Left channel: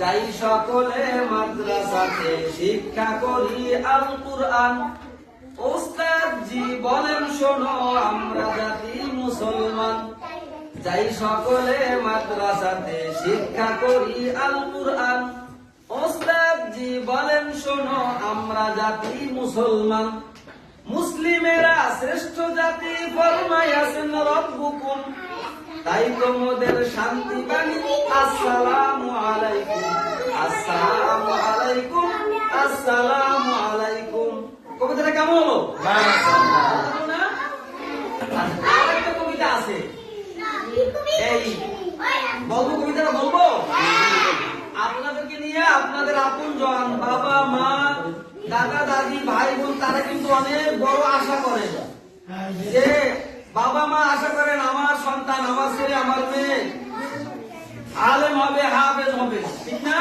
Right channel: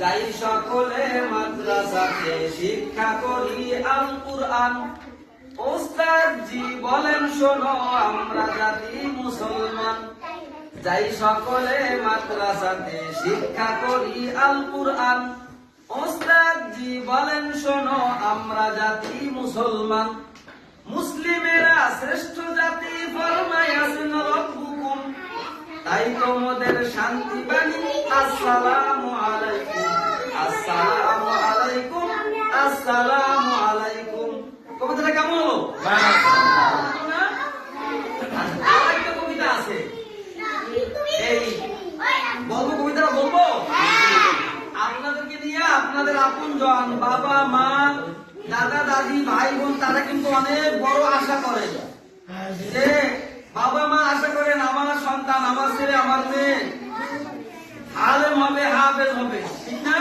যাই সকলে মাদ্রাসাতে শিক্ষা করি আল কুরআন। ওস্তাদ জি বলেন শোনো আমরা জাতি মুসলমান। যাই সকলে মাদ্রাসাতে শিক্ষা করি আল কুরআন। ওস্তাদ জি বলেন শোনো আমরা জাতি মুসলমান। মুসলিমেরা শ্রেষ্ঠ জাতি ফরমায়াছেন রব্বুকুম। তাই তোমাদের শান্তি বাণী আসসালামু আলাইকুম, আসসালামু আলাইকুম, আসসালামু আলাইকুম। কবিতাটা কেমন হলো? আরেকটা কবিতা আছে, এই বলবো কবিতাটা বলবো? আপনাদেরকে নিয়ে আপনাদের আপন জন বাবা মা দাদা দাদি ভাই বোন তারা কিন্তু অনেক বড় আশা করেন যে বাবা মা আশা করেন আমার সন্তান আমার ছেলে আমার মেয়ে আলেম হবে হাফেজ হবে, ঠিক না?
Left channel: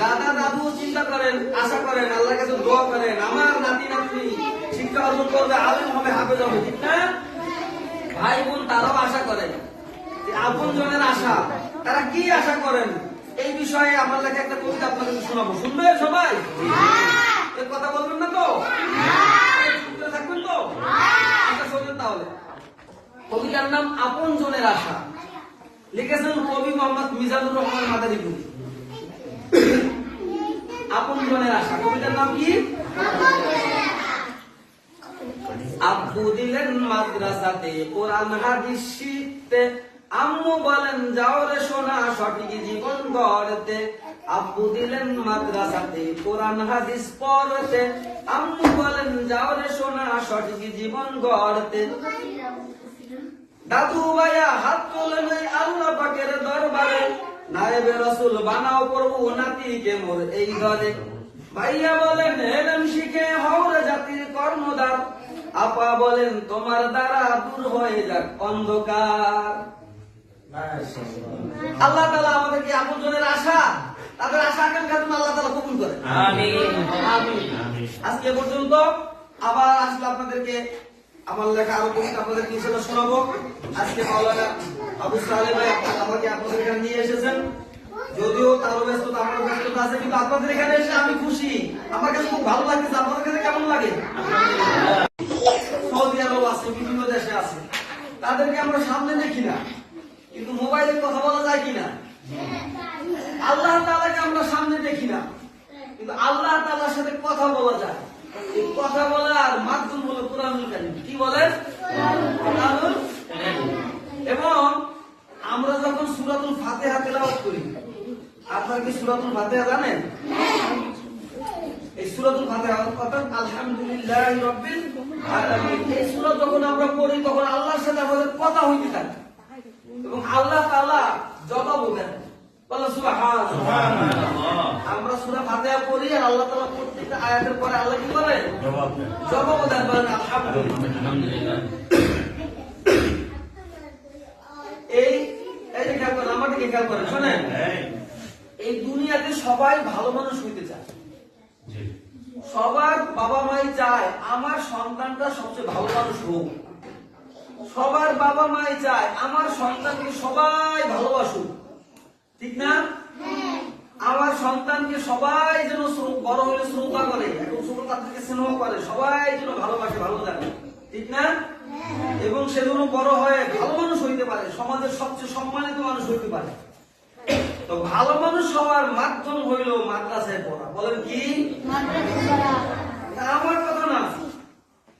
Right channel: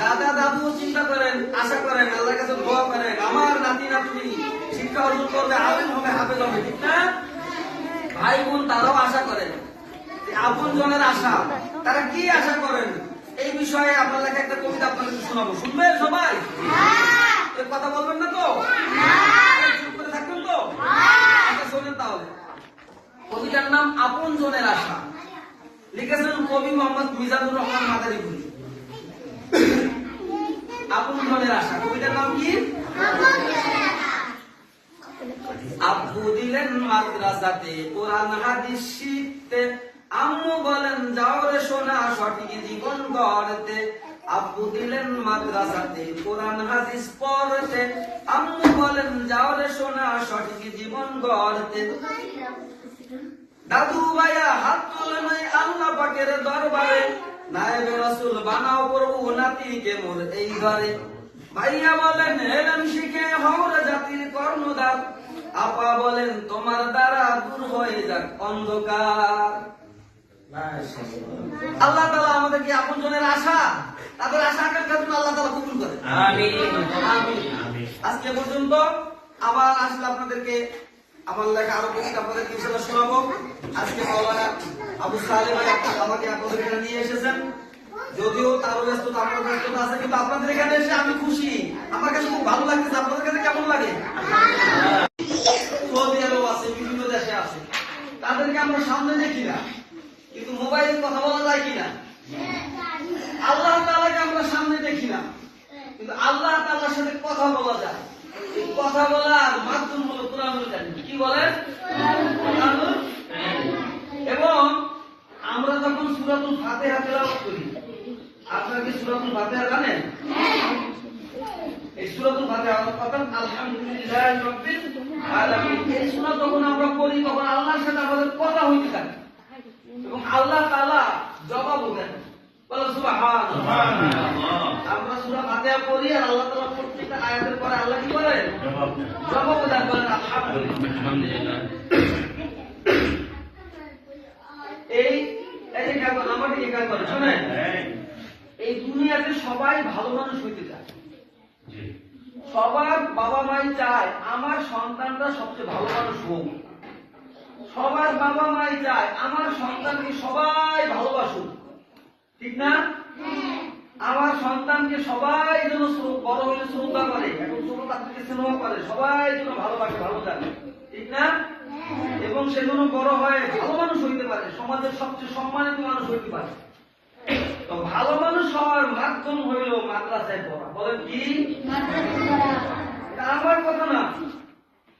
দাদা দাদু চিন্তা করেন আশা করেন আল্লাহর কাছে দোয়া করেন আমার নাতি নাতনি শিক্ষা অর্জন করবে আলেম হবে হাফেজ হবে, ঠিক না? ভাই বোন তারাও আশা করেন, আপন জনের আশা তারা কি আশা করেন এই বিষয়ে আপনাদেরকে একটা কবিতা আপনাদের শোনাবো। শুনবেন সবাই? কথা বলবেন না তো? চুপ করে থাকবেন তো? আচ্ছা শোনেন তাহলে। কবিতার নাম আপন জনের আশা, লিখেছেন কবি মোহাম্মদ মিজানুর রহমান মাদারীপুরি। আপন জনের আশা, কবিতার নাম কি? আব্বু দিলেন মাদ্রাসাতে কোরআন হাদিস শিখতে। আম্মু বলেন যাও রে সোনা সঠিক জীবন গড়তে। আব্বু দিলেন মাদ্রাসাতে কোরআন হাদিস পড়তে। আম্মু বলেন যাও রে সোনা সঠিক জীবন গড়তে। দাদু ভাইয়া হাত তোলেন ওই আল্লাহ পাকের দরবারে। নায়েবে রাসূল বানাও প্রভু নাতিকে মোর এই ঘরে। ভাইয়া বলেন হেলেন শিখে হওরে জাতির কর্মদার। আপা বলেন তোমার দ্বারা দূর হয়ে যাক অন্ধকার। আল্লাহ তাআলা আমাদেরকে আপন জনের আশা তাদের আশা আকাঙ্ক্ষা যেন আল্লাহ তাআলা কবুল করেন। আমিন আমিন। আজকে পর্যন্ত আবার আসলে আপনাদেরকে আমার লেখা আরো কবিতা আপনাদেরকে ইনশাআল্লাহ শোনাবো। আজকে মাওলানা আবু সালেহ ভাই আমাকে আপনাদের এখানে নিয়ে এসেছেন, যদিও তারও ব্যস্ততা আমার ব্যস্ততা আছে, কিন্তু আপনাদের এখানে এসে আমি খুশি, আমার কাছে খুব ভালো লাগতেছে। আপনাদের কাছে কেমন লাগে? সৌদি আরব আছে, বিভিন্ন দেশে আছে, তাদেরকে আমরা সামনে দেখি না, কিন্তু মোবাইলে কথা বলা যায় কিনা? আল্লাহ তাআলাকে আমরা সামনে দেখি না, কিন্তু আল্লাহ তাআলার সাথে কথা বলা যায়। এই কথা বলার মাধ্যম হলো কোরআনুল কারীম। কি বলেন? কোরআনুল কারীম। এবং আমরা যখন সূরাতুল ফাতিহা তেলাওয়াত করি, আপনারা কি সূরাতুল ফাতিহা জানেন? এই সূরাতুল ফাতিহা অর্থাৎ আলহামদুলিল্লাহি রাব্বিল আলামিন, এই সূরা যখন আমরা পড়ি তখন আল্লাহর সাথে আমাদের কথা হইতে থাকে এবং আল্লাহ তাআলা জবাব দেন। বলো সুবহানাল্লাহ। আমরা সূরা ফাতিহা পড়ি আর আল্লাহ তাআলা প্রত্যেকটা আয়াতের পরে আল্লাহ কি করেন? জবাব দেন। বলেন আলহামদুলিল্লাহ। এই যে খেয়াল করেন, আমার দিকে খেয়াল করেন, শোনেন, এই দুনিয়াতে সবাই ভালো মানুষ হইতে চায়। সবার বাবা মাই চায় আমার সন্তানটা সবচেয়ে ভালো মানুষ হোক। সবার বাবা মাই চায় আমার সন্তানকে সবাই ভালোবাসুক, ঠিক না? আমার সন্তানকে সবাই যেন বড় হলে শ্রদ্ধা করে, এখন ছোট বাচ্চাকে স্নেহ করে, সবাই যেন ভালোবাসে, ভালো লাগে, ঠিক না? এবং সে যেন বড় হয় ভালো মানুষ হইতে পারে, সমাজের সবচেয়ে সম্মানিত মানুষ হইতে পারে। তো ভালো মানুষ হওয়ার মাধ্যম হইল মাদ্রাসায় পড়া। বলেন কি?